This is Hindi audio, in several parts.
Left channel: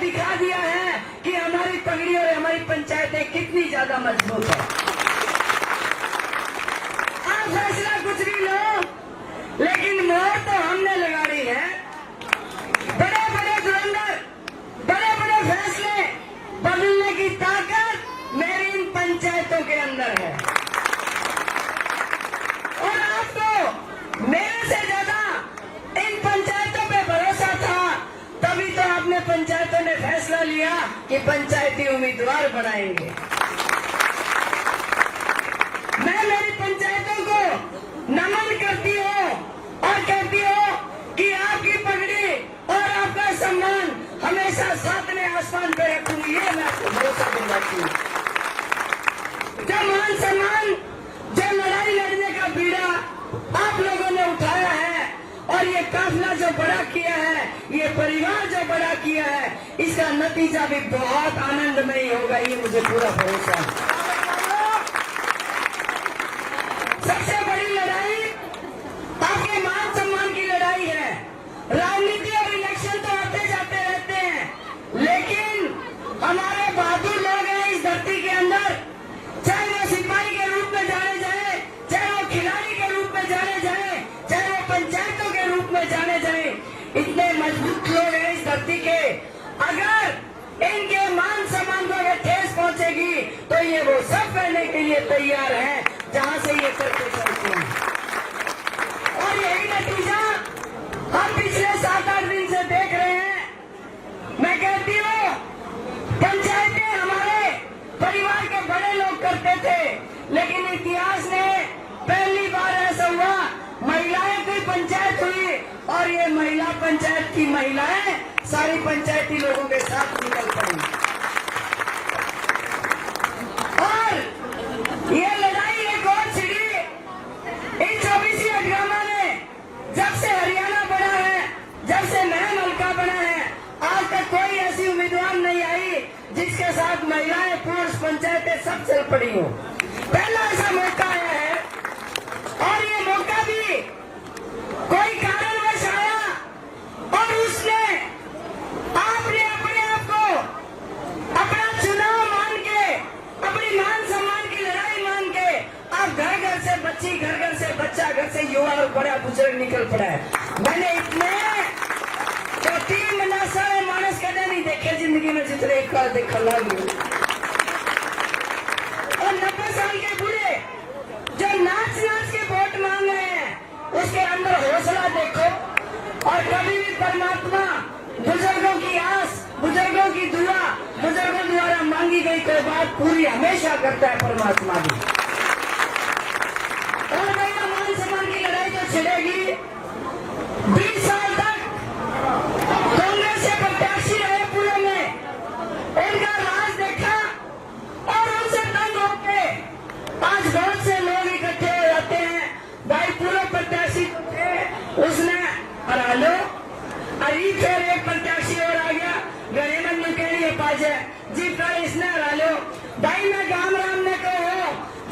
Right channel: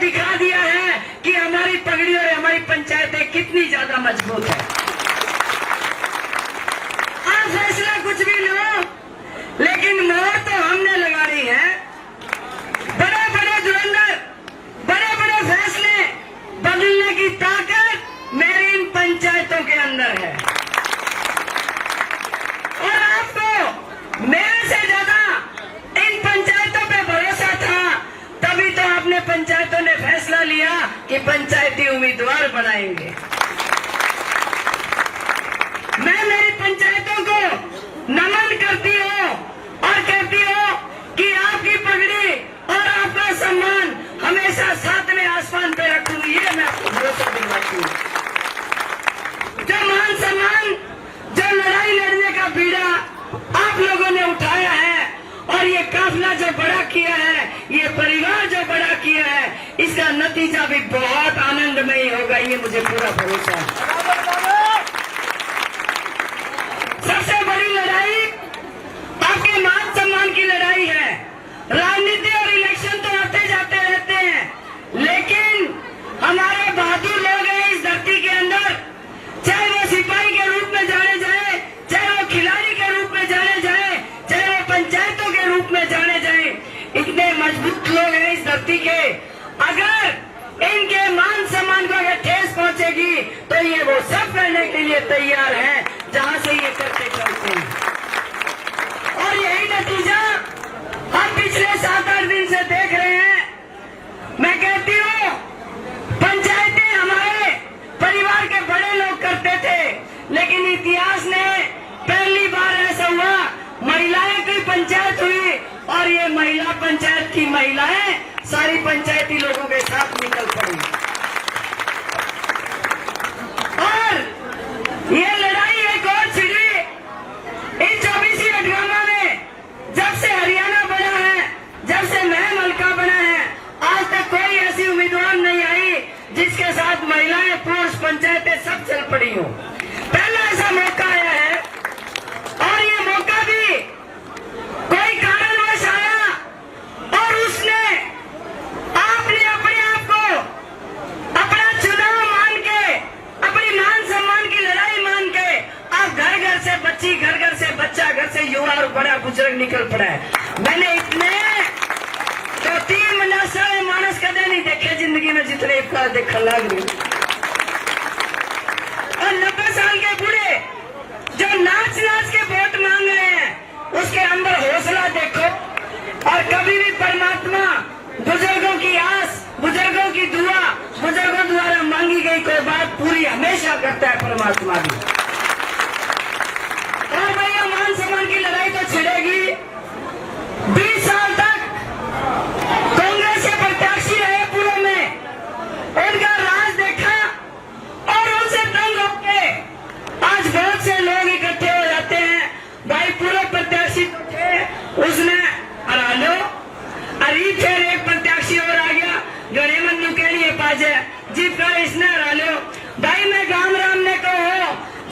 दिखा दिया है कि हमारी पगड़ी और हमारी पंचायतें कितनी ज्यादा मजबूत है। आप फैसला कुछ भी लो, लेकिन मोहर तो हमने लगानी है। बड़े बड़े धुरंधर, बड़े बड़े फैसले बदलने की ताकत मेरी इन पंचायतों के अंदर है। और आपको मेरे से ज्यादा इन पंचायतों पे भरोसा था, तभी तो आपने पंचायतों ने फैसला लिया कि पंचायती उम्मीदवार बनाएंगे। मैं मेरी पंचायतों को नमन करती हूँ और कहती हूँ कि आपकी पगड़ी और आपका सम्मान हमेशा सातवें आसमान पे रखूं, ये मैं आपको भरोसा दिलाती हूँ। जो मान सम्मान, जो लड़ाई लड़ने का बीड़ा आप लोगों ने उठाया है और ये काफिला जो बड़ा किया है, ये परिवार जो बड़ा किया है, इसका नतीजा भी बहुत आनंदमयी होगा, ये मुझे पूरा भरोसा है। सबसे बड़ी लड़ाई आपके मान सम्मान की लड़ाई है। राजनीति और इलेक्शन तो आते जाते रहते हैं, लेकिन हमारे बहादुर लोग हैं इस धरती के अंदर, चाहे वो सिपाही के रूप में जाने जाए, चाहे वो खिलाड़ी के रूप में जाने जाए, चाहे वो पंचायतों के रूप में जाने जाए, इतने मजबूत लोग हैं इस धरती के। अगर इनके मान सम्मान को अगर ठेस पहुंचेगी तो ये वो सब करने के लिए तैयार हैं जहां से ये करते चलते हैं। और यही नतीजा हम पिछले 7-8 दिन से देख रहे हैं। मैं कहती हूँ पंचायतें हमारे परिवार के बड़े लोग करते थे, लेकिन इतिहास ने पहली बार ऐसा हुआ महिलाएं की पंचायत हुई और ये महिला पंचायत की महिलाएं सारी पंचायती लोगों के साथ निकल पड़ी। और ये लड़ाई एक और छिड़ी इन 24 अठगामा में। जब से हरियाणा बना है, जब से मैं मलका बना है, आज तक कोई ऐसी उम्मीदवार नहीं आई जिसके साथ महिलाएं, पुरुष, पंचायतें सब चल पड़ी हो। पहला ऐसा मौका आया है और ये मौका भी कोई कारणवश आया और उसने आपने अपने आप को अपना चुनाव मान के, अपनी मान सम्मान की लड़ाई मान के आप घर घर से बच्ची, घर घर से बच्चा, घर से युवा और बड़ा बुजुर्ग निकल पड़ा है। मैंने इतने तो 3 नस्ल मानस कदे नहीं देखे जिंदगी में जितने इफ्तार देखा लग। और 90 साल के बूढ़े जो नाच नाच के वोट मांग रहे हैं, उसके अंदर हौसला देखो। और कभी भी परमात्मा बुजुर्गों की आस, बुजुर्गों की दुआ, बुजुर्गों द्वारा मांगी गई कोई बात पूरी हमेशा करता है परमात्मा भी। और भैया मान सम्मान की लड़ाई तो छिड़ेगी। 20 साल तक कांग्रेस के प्रत्याशी रहे पूर्व में, उनका राज देखा और उनसे तंग होके आज बहुत से लोग इकट्ठे हो जाते हैं। भाई पूर्व प्रत्याशी तो थे, उसने हरा लो, अरे फिर एक प्रत्याशी और आ गया, गणे मनु के लिए पाजे जीत कर इसने हरा लो। भाई मैं गांव राम ने कहो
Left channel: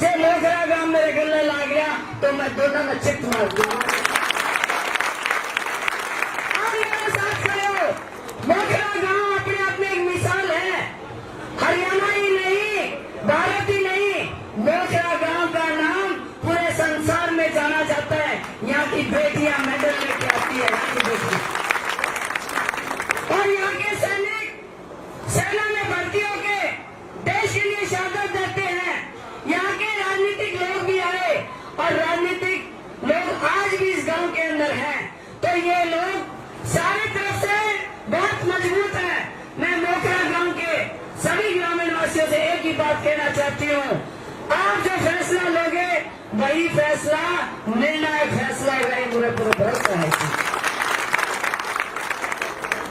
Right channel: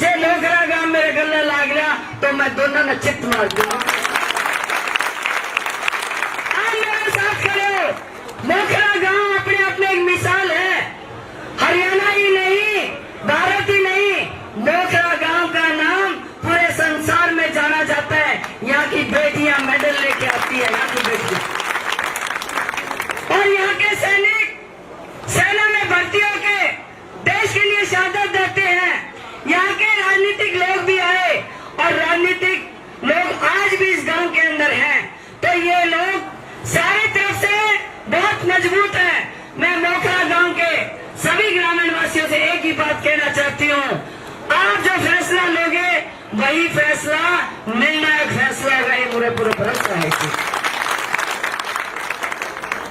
जे लोकरा गांव मेरे गले लाग गया तो मैं दोनों ने चित मार दूंगा। आप मेरे साथ खड़े हो। लोकरा गांव अपने आप में एक मिसाल है, हरियाणा ही नहीं, भारत ही नहीं, लोकरा गांव का नाम पूरे संसार में जाना जाता है। यहाँ की बेटियां मेडल लेके आती है, यहाँ की बेटियां। और यहाँ के सैनिक सेना में भर्ती होके देश के लिए शहादत देते हैं। यहाँ के राजनीतिक लोग भी आए और राजनीतिक लोग आज भी इस गांव के अंदर हैं। तो ये लोग सारी तरफ से बहुत मजबूत हैं। मैं मोखरा गांव के सभी ग्रामीण वासियों से एक ही बात कहना चाहती हूँ, आप जो फैसला लोगे वही फैसला निर्णायक फैसला होगा, ये मुझे पूरे भरोसा है।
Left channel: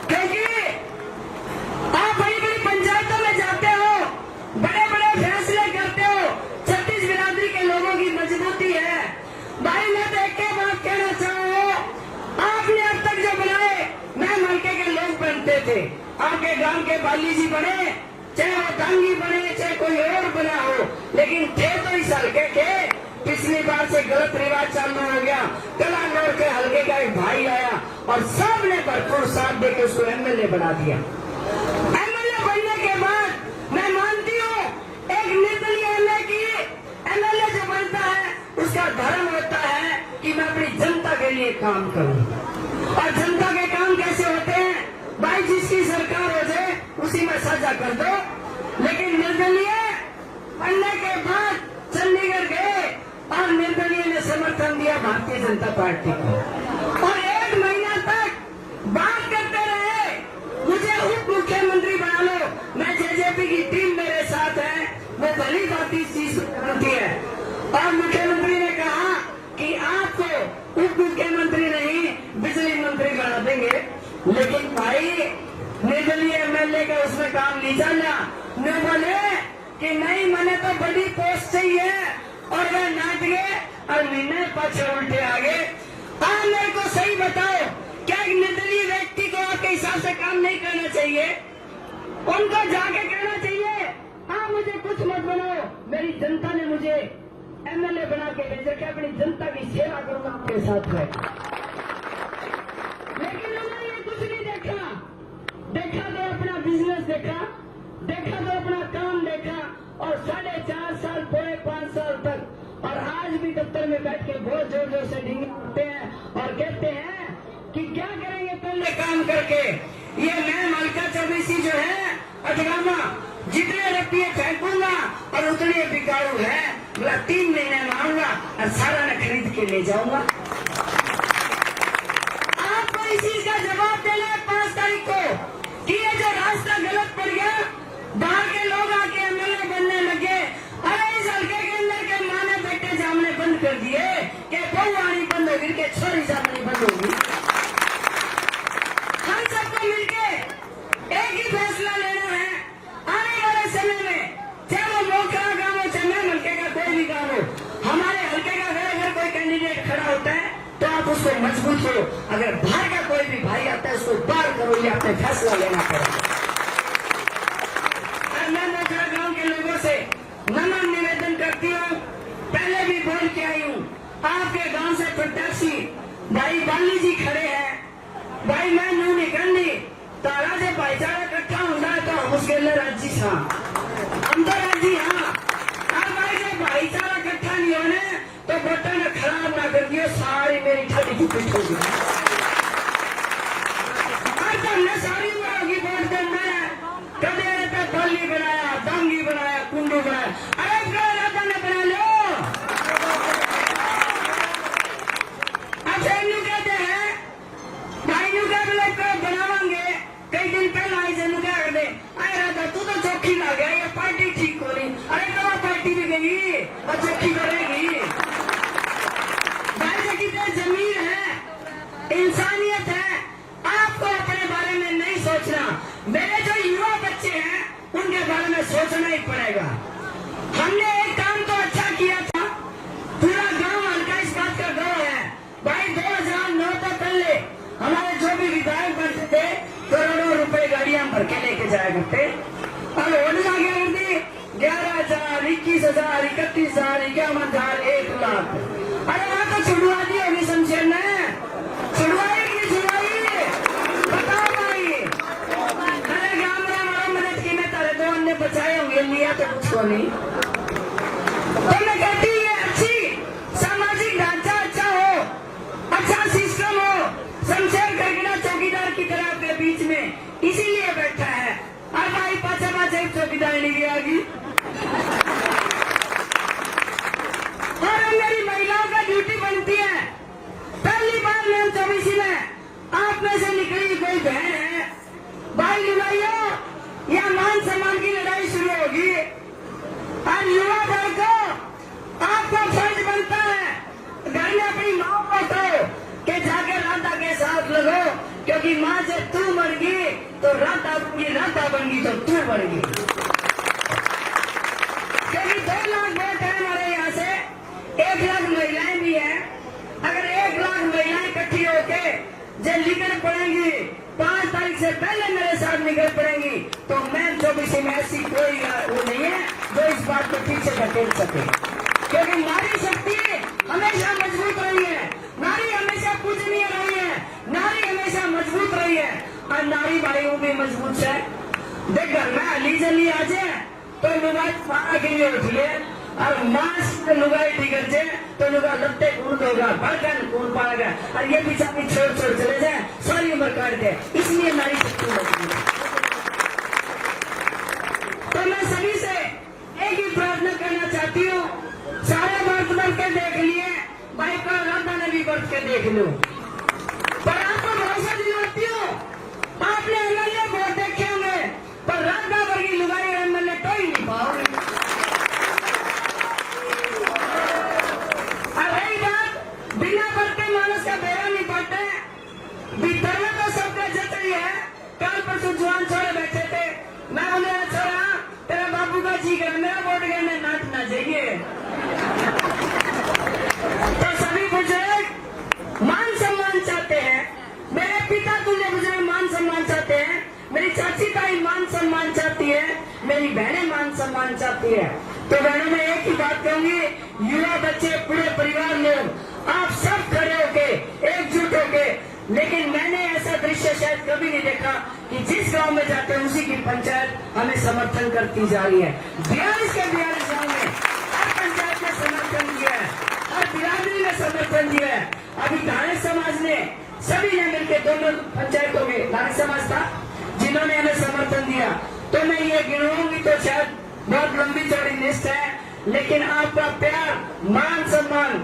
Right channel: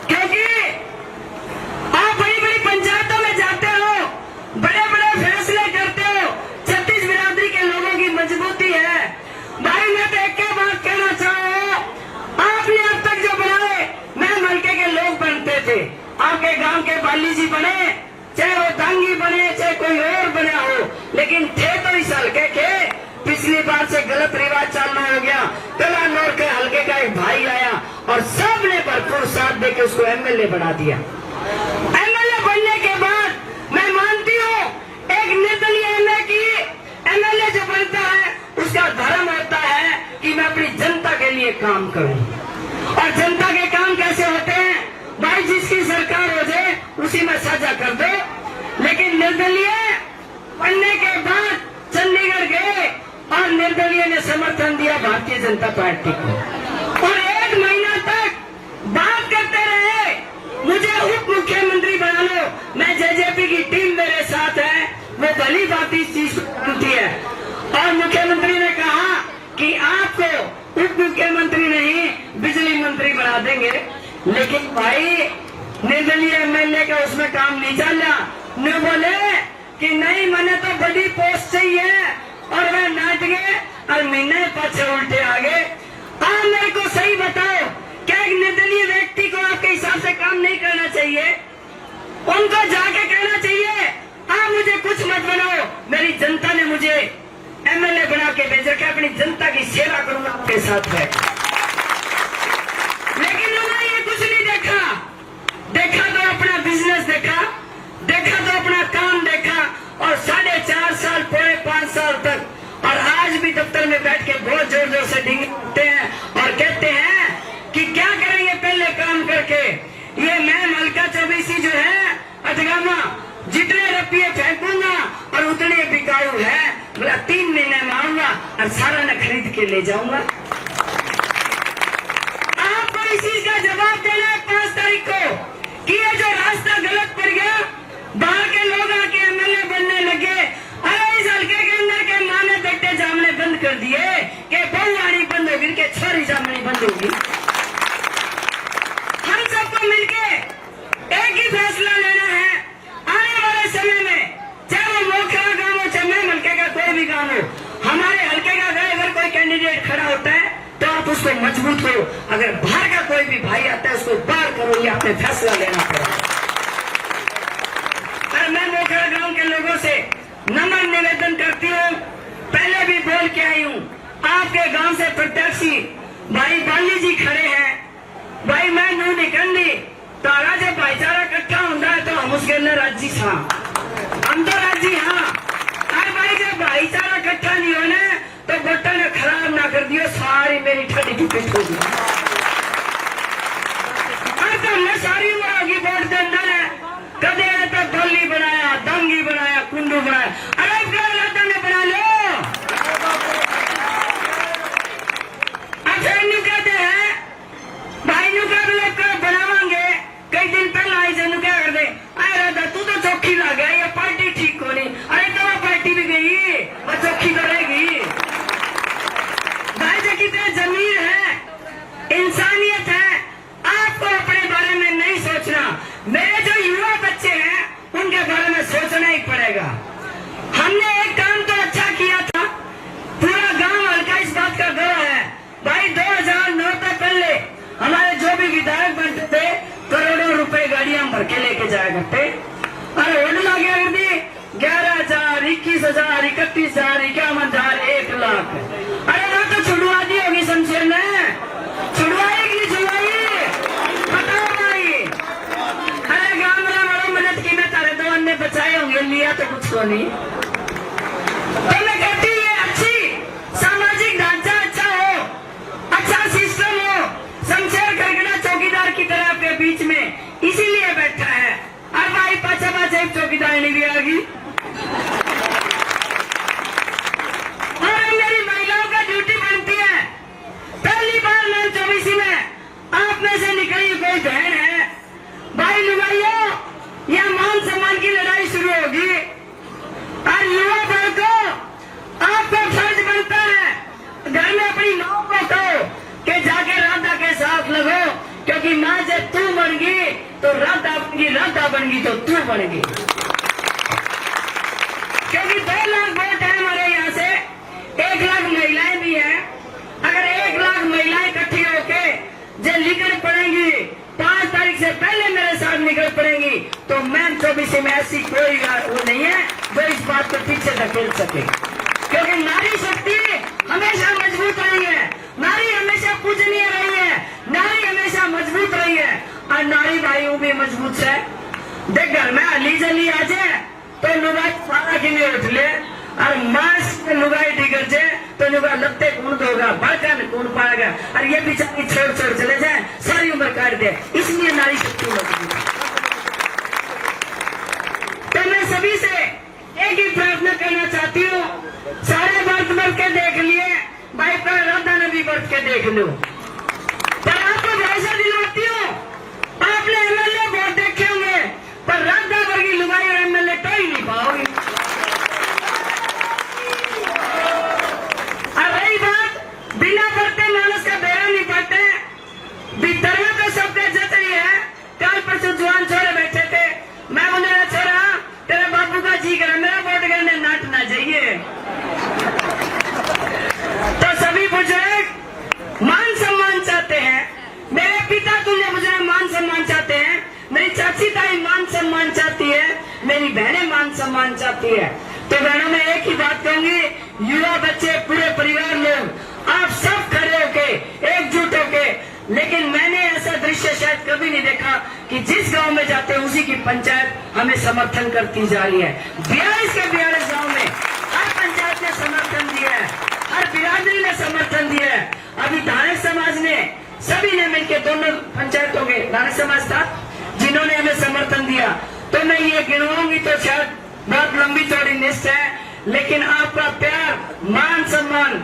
क्योंकि आप बड़ी बड़ी पंचायतों में जाते हो, बड़े बड़े फैसले करते हो, 36 बिरादरी के लोगों की मजबूती है। भाई मैं तो एक बात कहना चाहूँ, आपने अब तक जो बनाए, मैं मलके के लोग बनते थे, आपके गांव के बाली जी बने, चाहे वो दांगी बने, चाहे कोई और बना हो, लेकिन थे तो इस हल्के के। पिछली बार से गलत रिवाज चालू हो गया, कलानौर के हल्के का एक भाई आया और सबने भरपूर साथ देकर उसको एमएलए बना दिया। काम करूं। और जनता के काम कैसे होते हैं भाई, जिसकी सरकार हो जाए उसी में साझा कर दो। लेकिन निर्दलीय बनने के बाद चंडीगढ़ गए और निर्दलीय ने समर्थन दिया भारतीय जनता पार्टी को, और 1 महीना तक बात करते रहे मुझे उप मुख्यमंत्री बना लो। मैं जेजेपी की टीम मेरे साथ है, वो भली बात इस चीज होती है। और मुख्यमंत्री ने कहा कि आपको उप मुख्यमंत्री नहीं बिजली मंत्री बना देंगे। लेकिन भाई निर्दलीय एमएलए का उसमें काम नहीं चला। न बोले कि नहीं मैंने तो बड़ी पोस्ट चाहिए, और वे नाच गए और महीने पाछे उल्टे आ गए। आप मेरे को सही बताओ, क्या एक निर्दलीय व्यक्ति को आपके हिसाब से काम नहीं करना चाहिए? उनको जाके कहना चाहिए आप मुझे कुछ मत बनाओ, मेरी जनता ने मुझे एमएलए बना के भेजा कि अपनी जनता की सेवा करूंगा आपके साथ है। लेकिन उन्होंने ये कुछ नहीं देखा। देखा तो अपना बिजनेस देखा, देखा तो अपना काम देखा, और 4.5 साल पूरे 5 साल तक, और आज भी दफ्तर में बैठ के बहुत जोर जोर से डींगते हैं और कहते हैं कि क्या करेंगे पहले काम करके। ये मैं मलका चौबीसी जो है अजगामा, जितने रुपये फेंकूंगा और उतने बिकाऊ है, बोला 3 महीने में आऊंगा और सारा न खरीद के ले जाऊंगा। आपको इस चीज का जवाब देना है 5 तारीख को कि ये जो रास्ता गलत पड़ गया, बाहर के लोग आके एमएलए बनने लगे। अरे इस हल्के के अंदर के माने बेटे जामने बंद कर दिए कि बहुवाणी बंद होगी, के छोरी जामने बंद होगी। हम सबको मिलके एक ही फैसला लेना है आने वाले समय में, चाहे वो मोखरा गांव हो चाहे मैं हल्के का कोई भी गांव हो, हमारे हल्के का अगर कोई कैंडिडेट खड़ा होता है तो आप उसको मजबूत करो। अगर बाहर का कोई भी भाई आता है उसको बाहर करो, ये आपने फैसला लेना पड़ेगा। और मैं मोखरा गांव के लोगों से नम्र निवेदन करती हूँ, पहले भी बोल के आई हूँ, आपके गांव से प्रत्याशी भाई बाली जी खड़े हैं। भाई मैं न्यू निकलनी तो अगर जब भाईचारा इकट्ठा होता है तो हम उसके अंदर राजी था, हम तो राजी हाँ। अरे भाई जब भाईचारा इकट्ठा नहीं होने तो बटन खराब ना कर दियो, सारी मेरी ठंडी की पिट होगी। तो मैं सारी उम्र होगी वोट देना है, कदे तो डोली बनाया, दंगी बनाया, कुंडू बनाया। अरे गलत ने बना लो। अच्छा इन कहते हैं भाई यू का लोग बनावांगे, कई दिन पहले आई जन क्या कर दे, अरे तू तो चौकी ला गया, ये पार्टी ठीक हो रही। अरे तो पार्टी भी गई और चौकी करेगी। भाई जो कितने जमीर है, इंसानियत है, आपको अपने बारे में नहीं सोचना। मेरे जो युवा बच्चे हैं उनके बारे में सोचना ही पड़ेगा। हमने एक काम तो अच्छा किया था, पूरा गांव हल्का इस बात का गवाह है। भाई 2009 से पहले हमारे जो भी विधायक बनते थे करोड़ों रुपए गाड़ियां भर के लेके जाया करते, और होटल आ गया 11,000, 21,000, 31,000, 51,000, 1 लाख। अरे ना तो छुड़वा दी होगी शमशेर ने, छुड़वाई कि छुड़वाई बताओ भाई। अरे गामरा मारो मदद की, मैं तारे 2 अन्य बचाए होंगे, लिया तो कुछ को नहीं। तो मैं कहती हूँ ये अच्छी सामाजिक ढांचा अच्छा हो, अच्छा सिस्टम हो। शमशेर गड़गड़ा चौकीदार की तरह के बीच में इसीलिए बैठा है। अब भाई पाछा पाछा एक चौकीदार नहीं आएगी। और मेरी महिलाओं का ड्यूटी बनती है, पहली बार मैं 24 में आप में से निकली कोई बहन है, भाई लुगाइयों या मान सम्मान की लड़ाई शुरू होगी। और युवा वर्ग को आपको फर्ज बनता है घर में अपनी माँ को कहो कि जाके राधा के साथ लगो, क्योंकि माँ जब तू बन गई तो राधा बन गई तो तू बन गई। क्योंकि 2 लाख वोट है हमारे यहाँ से, 1 लाख महिलाएं भी हैं। अगर 1 लाख महिलाएं इकट्ठी होके जब निकल पड़ेंगी 5 तारीख से पहले मेरे साथ निकल पड़ेंगी, तो मैम 24 में ऐसी कोई वो नहीं है जो इस बात को पीछे धकेल सके। क्योंकि नारी शक्ति हमेशा मजबूत रही है, नारी हमेशा पूजनीय रही है, नारी हमेशा मजबूत रही है, और नारी भाइयों भी मजबूत है। देख घर में अली जली आ जाए तो लुगाई फाड़ा के लिए उठ ले, और मास्क लुगाई टिकर जाए तो जो लगते कौन होगा, बढ़कर कौन पाएगा, और ये बेचारी छोड़ छोड़ चले जाए, सारी उम्र काट दे, इसलिए नारी शक्ति लगती है। तो मैं सभी से एक ही प्रार्थना करना चाहती हूँ, सारे व्रत भर के देख लिए भाई, पर राधा ने भी व्रत के देख लो, पर आपको भरोसा दिलवाती हूँ, आपने एमएलए बहुत देखे होंगे, पर राधा वर्गी लुगाई और एमएलए तो ही नहीं पाओगे। अब रही बात बिना पढ़ते मानस का बेड़ा नहीं पढ़ते, विद्यालय तो सबके जत ही है। कल परसों जवान छोरे बैठे थे, मैं उन्हें छोरा तेरे बाबू का जी कर मेरा वोट करने नाटना चाहिए। तो सभी बुजुर्ग मान सम्मान चाहते हैं, मेरे पिता तुल्य बुजुर्ग मान सम्मान चाहते हैं, मेरी चाची ताई मान सम्मान चाहती है, मेरी बहनें मान सम्मान चाहती है। तो बहनों में एक ही बात कहूंगी, युवा बच्चे पूरे परिवार लोग आप सब खड़े होके एकजुट होके, लेकिन मैंने ऐसा दृश्य शायद कभी नहीं देखा कि जिस गांव में जाते हैं उसी की पंचायत हमें समर्थन करती जा रही है। 42 के 42 गाँव में हर पंचायत ने समर्थन दिया है, हर बिरादरी ने समर्थन दिया है। अभी धारक समाज ने सभी ने मिलकर, दोनों पंचायतों में धारक समाज था जिन्होंने हमें समर्थन दिया। तो मैं ये गिनवाऊंगी तो शायद बहुत लंबी चौड़ी लिस्ट है, लेकिन आपका प्यार मान सम्मान,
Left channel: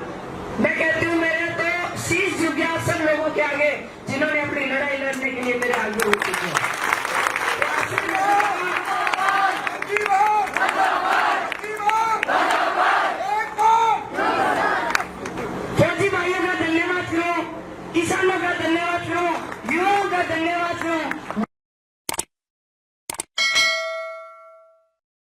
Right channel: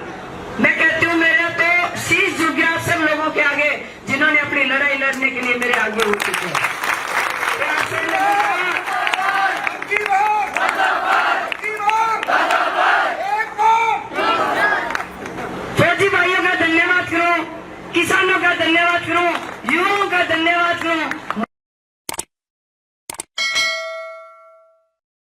मैं कहती हूँ मेरा तो शीश झुक गया आप सब लोगों के आगे जिन्होंने अपनी लड़ाई लड़ने के लिए मेरे आगे उठ चुके हैं। फौजी भाइयों का धन्यवाद करो, किसानों का धन्यवाद करो, युवाओं का धन्यवाद करो,